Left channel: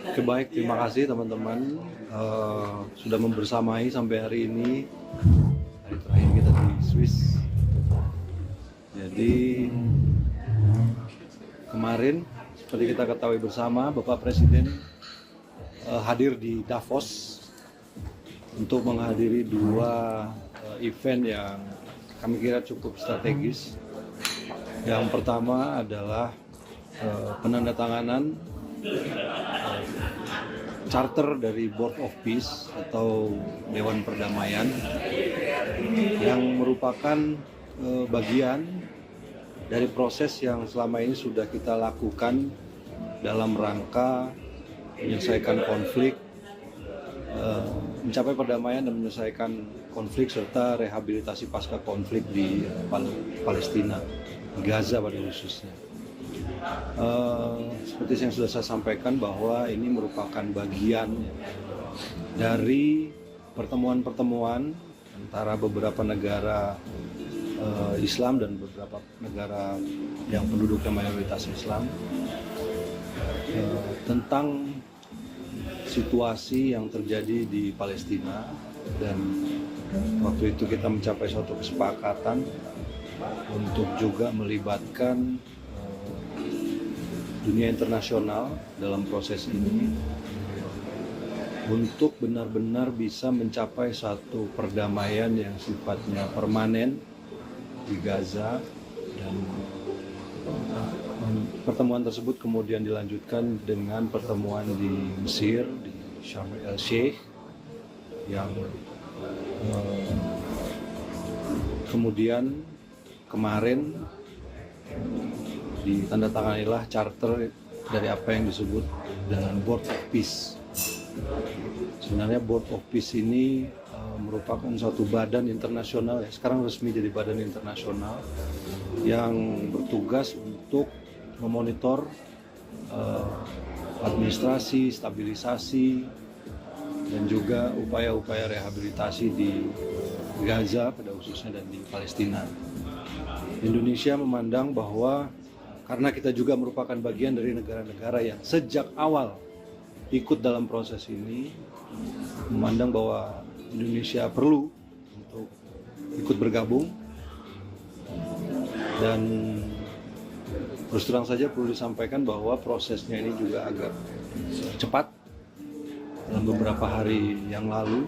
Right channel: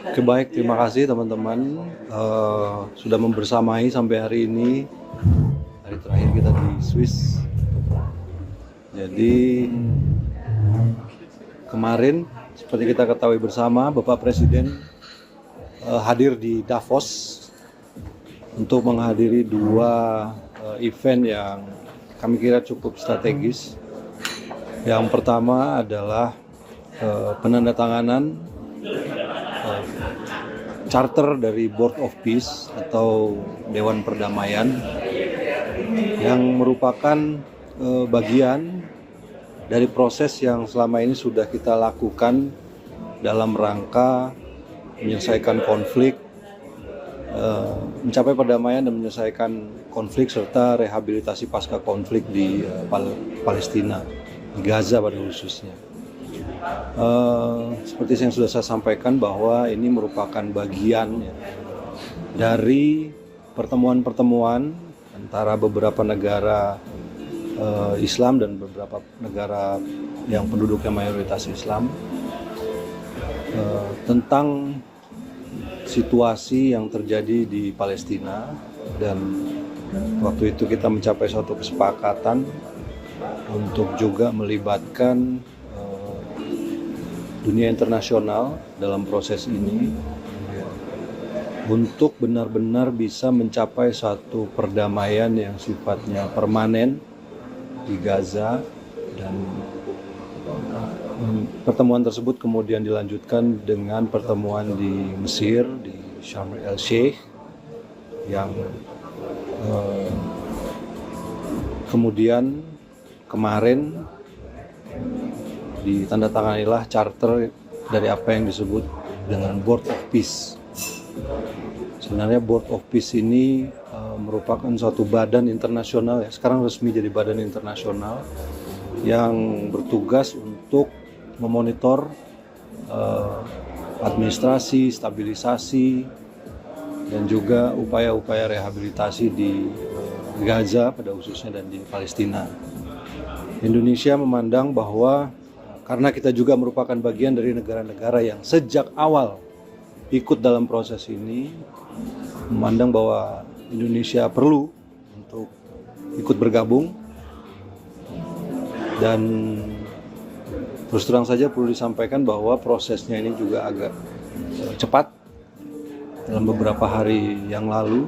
Oke, baik, terima kasih teman-teman sudah membersamai sampai hari ini, hari terakhir kita di Swiss. Jadi kemarin seperti kita ketahui bersama, Bapak Presiden hadir di Davos untuk menghadiri dua event yang kami kira cukup strategis. Yang pertama adalah penandatanganan charter dari Board of Peace atau Dewan Perdamaian yang merupakan bagian dari proses yang selama ini sudah kita lakukan dalam rangka menyelesaikan konflik, mencapai perdamaian dan menyelesaikan konflik serta rehabilitasi pasca konflik di Palestina, di Gaza pada khususnya. Seperti yang sudah saya sampaikan bahwa ini merupakan bagian dari pertemuan-pertemuan antara beberapa negara Islam dan beberapa negara yang penduduknya mayoritas Islam tentang situasi yang terjadi di Palestina, dan waktu itu kita mencapai suatu kesepakatan untuk juga melibatkan dunia internasional dalam proses ini untuk benar-benar bisa mencapai satu perdamaian yang sifatnya permanen di Gaza. Dan pertemuan tersebut kemudian dilanjutkan dengan pertemuan di Mesir, di Sharm el-Sheikh, yang kemudian kemarin ditandatanganilah charter dari apa yang disebut dengan Board of Peace. Sebenarnya Board of Peace ini merupakan suatu badan internasional, ya, sekarang resmi jadi badan internasional yang bertugas untuk memonitor administrasi, stabilisasi, dan juga upaya-upaya rehabilitasi di Gaza pada khususnya dan di Palestina. Indonesia memandang bahwa karena kita juga merupakan bagian dari negara-negara yang sejak awal ikut dalam proses ini, memandang bahwa Indonesia perlu untuk ikut bergabung. Dan terus terang saja perlu disampaikan bahwa prosesnya ini juga agak cepat. Dalam beberapa hari yang lalu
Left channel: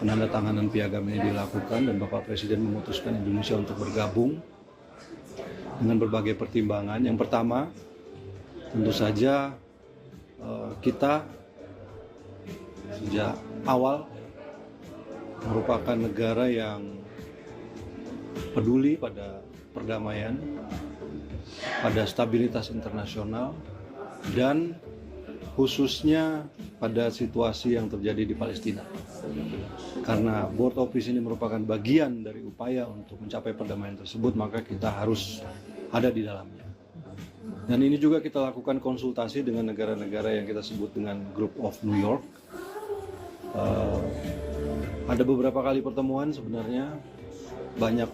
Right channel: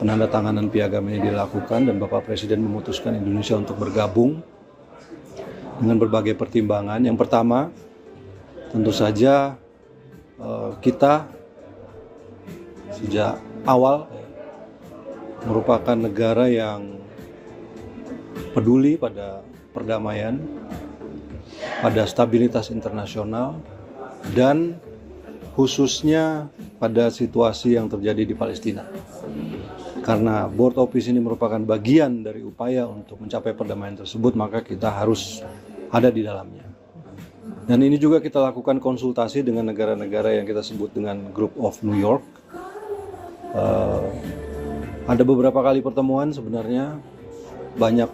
penandatanganan piagam ini dilakukan dan Bapak Presiden memutuskan Indonesia untuk bergabung dengan berbagai pertimbangan. Yang pertama, tentu saja kita sejak awal merupakan negara yang peduli pada perdamaian, pada stabilitas internasional, dan khususnya pada situasi yang terjadi di Palestina. Karena Board of Peace ini merupakan bagian dari upaya untuk mencapai perdamaian tersebut, maka kita harus ada di dalamnya. Dan ini juga kita lakukan konsultasi dengan negara-negara yang kita sebut dengan Group of New York. Ada beberapa kali pertemuan, sebenarnya banyak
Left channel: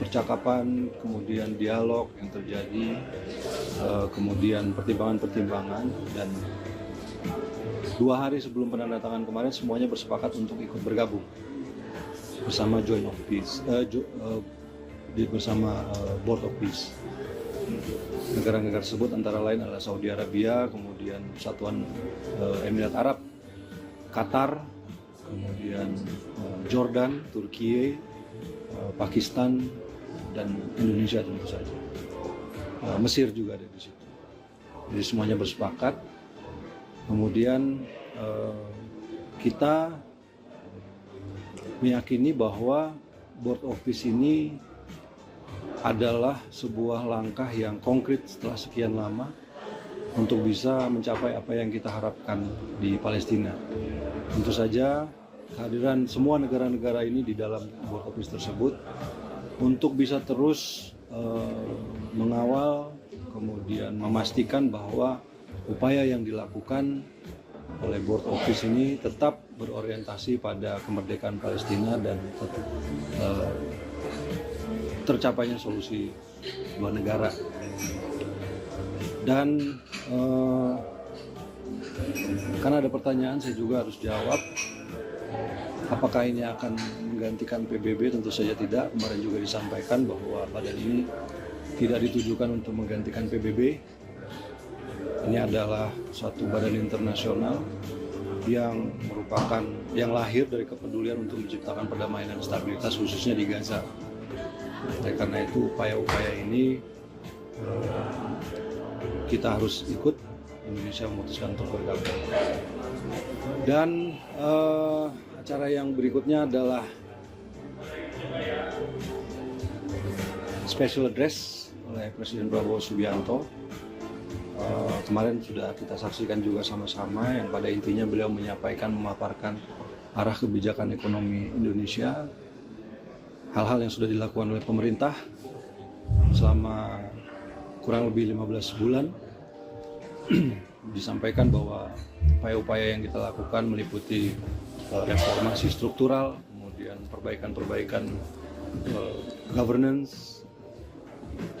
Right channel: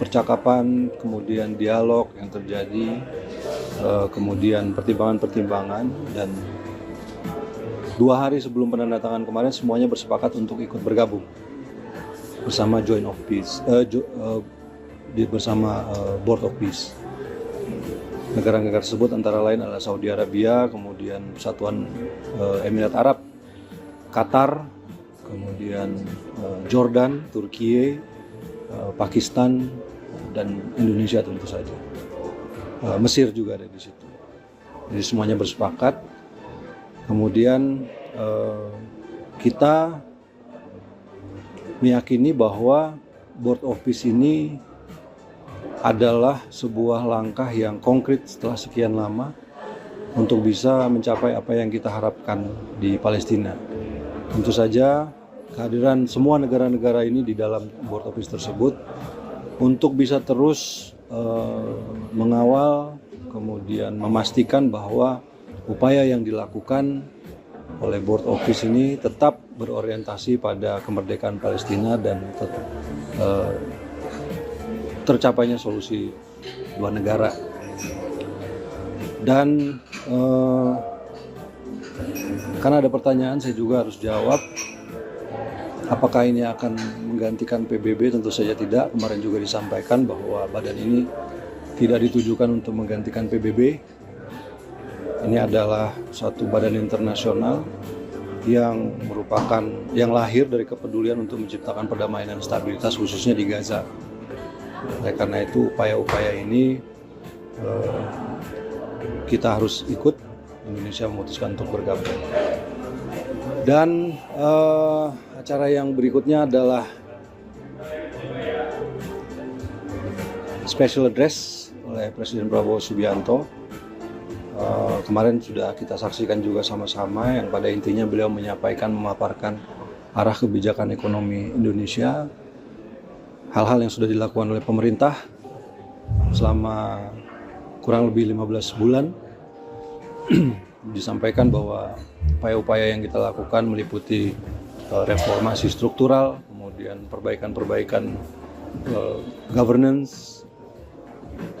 percakapan, kemudian dialog yang terjadi, kemudian pertimbangan-pertimbangan, dan 2 hari sebelum penandatanganan kemarin semuanya bersepakat untuk ikut bergabung bersama Joint of Peace, bersama Board of Peace. Negara-negara tersebut antara lain adalah Saudi Arabia, kemudian Persatuan Emirat Arab, Qatar, kemudian Jordan, Turki, Pakistan, dan Indonesia tentu saja. Mesir juga ada di situ. Jadi semuanya bersepakat. Kemudian kita meyakini bahwa Board of Peace ini adalah sebuah langkah yang konkret setelah sekian lama untuk bisa mencapai apa yang kita harapkan di Palestina. Tentu saja kehadiran semua negara-negara ini di dalam Board of Peace tersebut untuk bisa terus mengawal, kemudian memastikan bahwa upaya yang dilakukan oleh Board of Peace ini tetap berorientasi pada kemerdekaan Palestina dan tetap tercapainya solusi dua negara. Dan Karena ada pertanyaan saya juga harus jawab, apakah ini akan menggantikan PBB? Tentu saja tidak. Kemarin juga disampaikan bahwa badan ini tidak ditujukan untuk menggantikan PBB. Ini adalah satu badan internasional yang merupakan yang lahir dari kepedulian untuk menciptakan perdamaian dan stabilitas khususnya di Gaza. Karena itu upaya-upaya ini kita harus ikut. Indonesia memutuskan untuk bergabung. Dan acara yang berikutnya adalah special address oleh Presiden Prabowo Subianto. Kemarin sudah kita saksikan juga sama-sama, yang pada intinya beliau menyampaikan, memaparkan arah kebijakan ekonomi Indonesia, hal-hal yang sudah dilakukan oleh pemerintah selama kurang lebih 15 bulan. Disampaikan bahwa upaya-upaya yang kita lakukan meliputi reformasi struktural, kemudian perbaikan-perbaikan governance,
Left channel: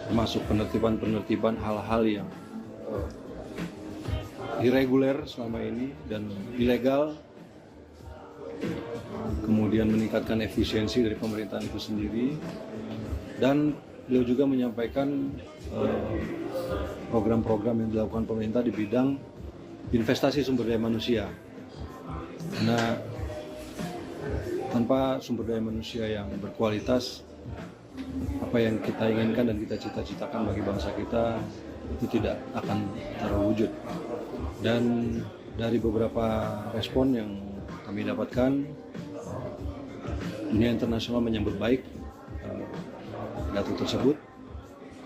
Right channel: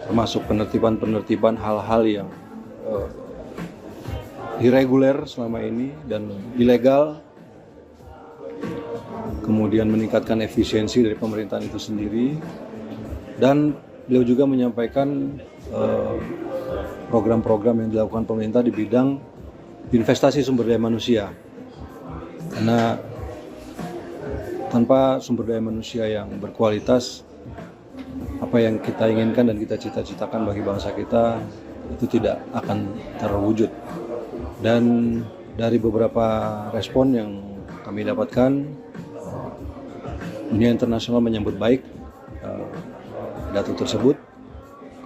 termasuk penertiban hal-hal yang irreguler selama ini dan ilegal, kemudian meningkatkan efisiensi dari pemerintahan itu sendiri. Dan beliau juga menyampaikan program-program yang dilakukan pemerintah di bidang investasi sumber daya manusia. Karena tanpa sumber daya manusia yang berkualitas, apa yang kita inginkan dan kita cita-citakan bagi bangsa kita itu tidak akan terwujud. Dan dari beberapa respon yang kami dapatkan, dunia internasional menyambut baik pidato tersebut.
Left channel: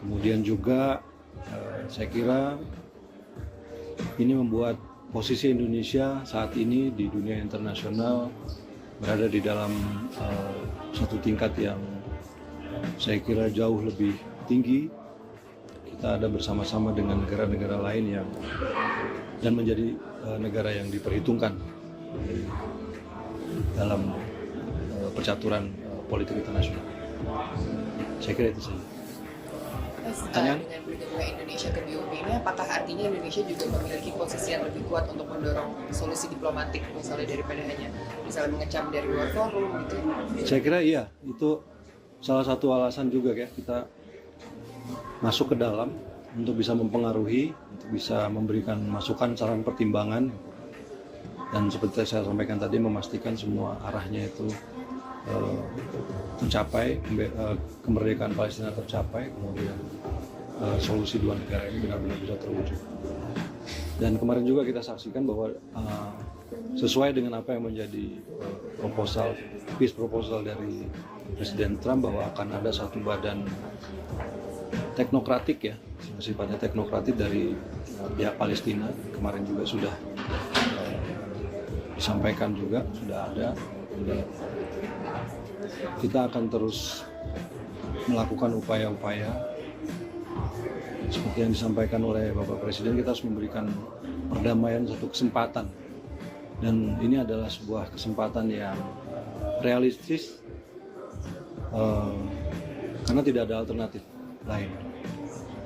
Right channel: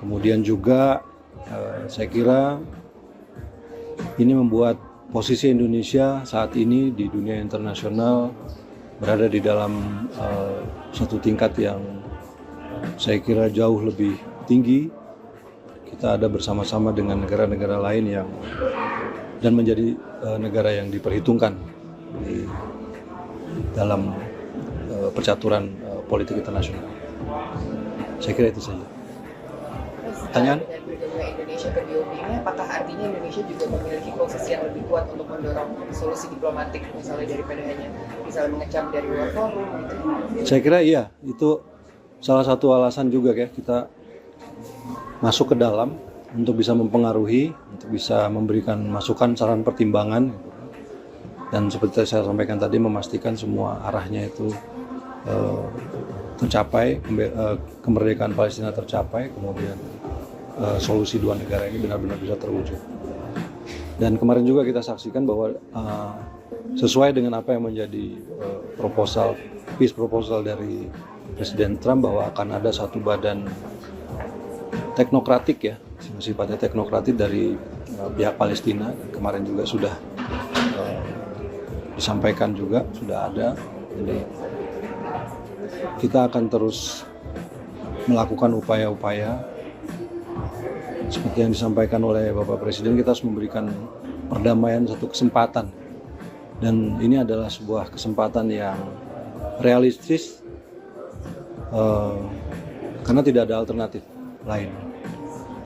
Kemudian juga saya kira ini membuat posisi Indonesia saat ini di dunia internasional berada di dalam satu tingkat yang saya kira jauh lebih tinggi. Kita ada bersama-sama dengan negara-negara lain yang dan menjadi negara yang diperhitungkan di dalam percaturan politik internasional. Saya kira itu saja. Pertanyaan? Dengan bergabungnya Indonesia ke BOP ini, apakah artinya Indonesia juga memiliki posisi yang lebih kuat untuk mendorong solusi diplomatik, misalnya daripada hanya misalnya mengecam dari luar forum gitu? Saya kira iya, itu salah satu alasan juga ya kita masuk ke dalam untuk bisa mempengaruhi, untuk bisa memberikan masukan, saran, pertimbangan. Dan seperti saya sampaikan tadi, memastikan semua arahnya itu tercapai, kemerdekaan Palestina tercapai, kemudian solusi dua negara ini benar-benar bisa terwujud. Dan kemarin juga kita saksikan bahwa sesuai dengan apa yang menjadi peace proposal dari Presiden Trump, bahwa akan ada satu badan teknokratik ya, sifatnya teknokratik dari pihak Palestina. Kemarin juga sudah disampaikan juga, sudah ada. Jadi, kita akan terus melakukan upaya-upaya seperti yang disampaikan oleh Bapak Presiden. Kita harus memberikan perdamaian satu kesempatan, dan ini adalah sebuah kesempatan yang realistis karena tidak ada alternatif lain.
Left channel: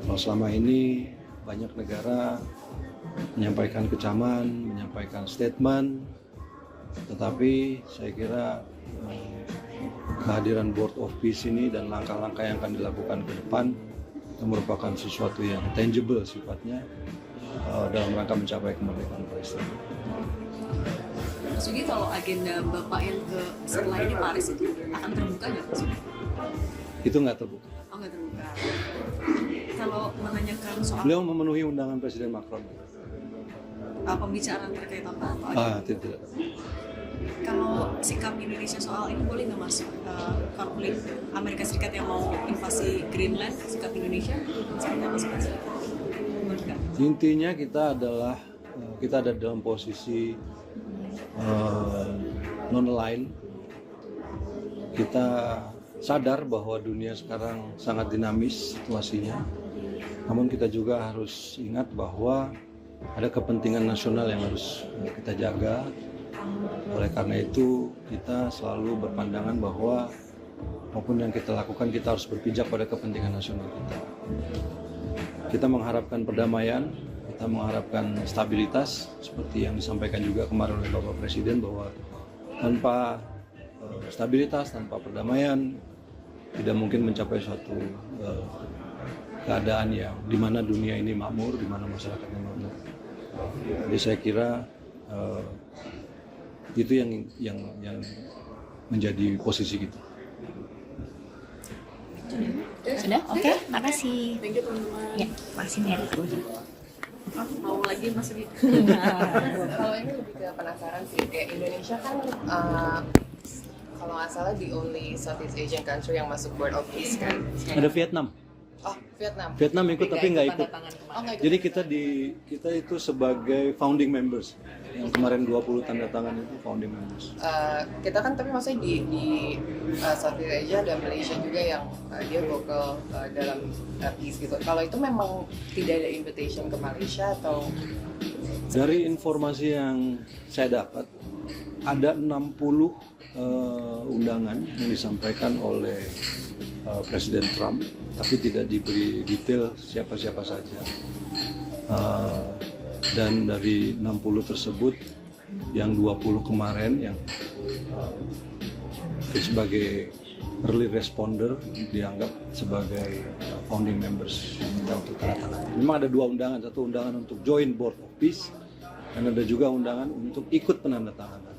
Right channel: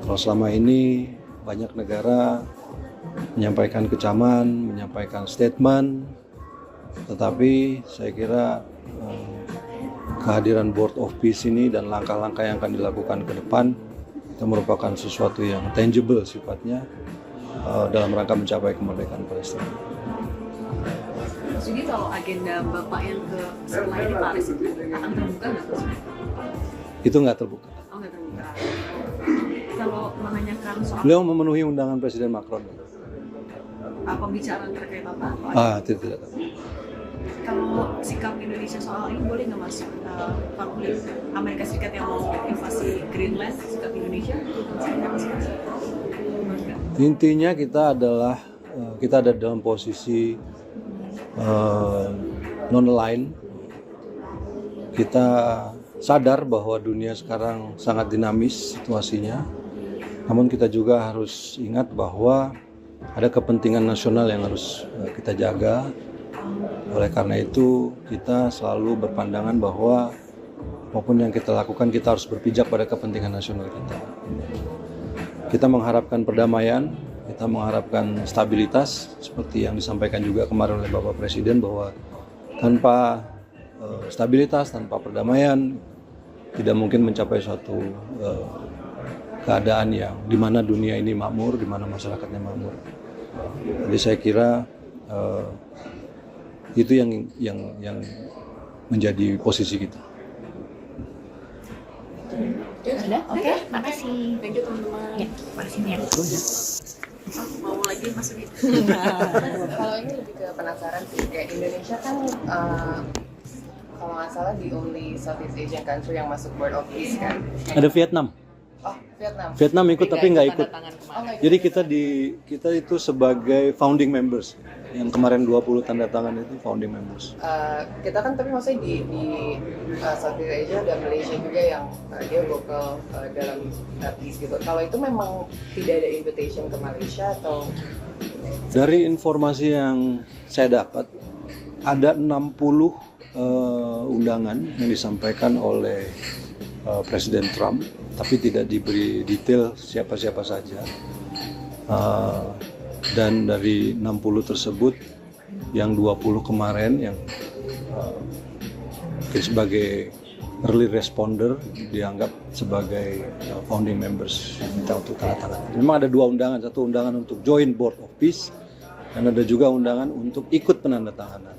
Kalau selama ini banyak negara menyampaikan kecaman, menyampaikan statement, tetapi saya kira kehadiran Board of Peace ini dan langkah-langkah yang akan dilakukan ke depan itu merupakan sesuatu yang tangible sifatnya dalam rangka mencapai kemerdekaan Palestina. Mas Yugi, kalau agenda Bapak yang ke setelah ini Paris itu akan terbuka nggak Mas Yugi? Itu nggak terbuka. Oh, nggak terbuka. Kalau menanyakan soal Beliau memenuhi undangan Presiden Macron. pembicaraan terkait apa? Tidak. Kalau sikap Indonesia soal ini boleh nggak Mas? Konflik Amerika Serikat yang mau invasi Greenland, sikap Indonesia? Intinya kita ada dalam posisi non-aligned. Kita sadar bahwa dunia sekarang sangat dinamis situasinya, namun kita juga harus ingat bahwa ada kepentingan nasional yang harus kita jaga. Oleh karena itu kita selalu berpandangan bahwa apapun yang kita lakukan, kita harus berpijak pada kepentingan nasional kita. Kita mengharapkan perdamaian, kita mengharapkan stabilitas seperti yang disampaikan juga kemarin oleh Bapak Presiden bahwa tanpa stabilitas, tanpa perdamaian tidak mungkin mencapai suatu keadaan yang di mana dunia ini makmur, di mana masyarakatnya makmur. Jadi saya kira itu yang menjadi posisi kita. Sudah? Oke, makasih. Thank you teman-teman. Ya, makasih ya. Mau lagi Mas Udi? Kalau ini lebih ke penasaran sih, kayak Indonesia kan kalau nggak salah the only Southeast Asian country yang masuk Board of Peace kan. Ada Vietnam. Oh, Vietnam. Vietnam ikut tapi nggak ikut. Oh, nggak ikut. Jadi kita itu sebagai founding members. Yang kemarin 20 tanda tangan itu founding members. Kita kan tapi maksudnya di Southeast Asia dan Malaysia juga yang dia lokal dalam peace gitu. Kalau itu memang tidak ada invitation ke Malaysia atau? Dari informasi yang saya dapat, ada 60 undangan yang disampaikan oleh Presiden Trump, tapi tidak diberi detail siapa-siapa saja. Dan dari 60 tersebut, yang 20 kemarin yang sebagai early responder dianggap sebagai founding members minta untuk tanda tangan. Memang ada 2 undangan, satu undangan untuk join Board of Peace dan ada juga undangan untuk ikut penandatanganan.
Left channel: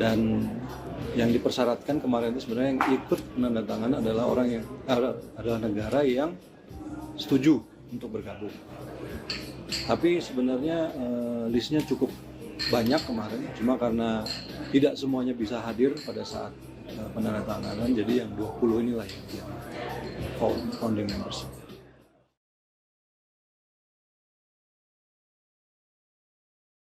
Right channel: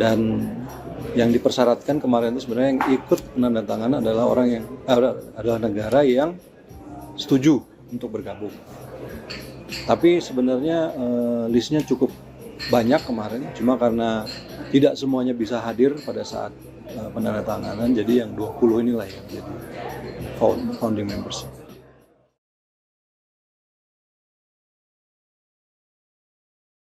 Dan yang dipersyaratkan kemarin itu sebenarnya yang ikut penandatanganan adalah orang yang adalah negara yang setuju untuk bergabung. Tapi sebenarnya listnya cukup banyak kemarin, cuma karena tidak semuanya bisa hadir pada saat penandatanganan, jadi yang 20 inilah yang jadi founding members.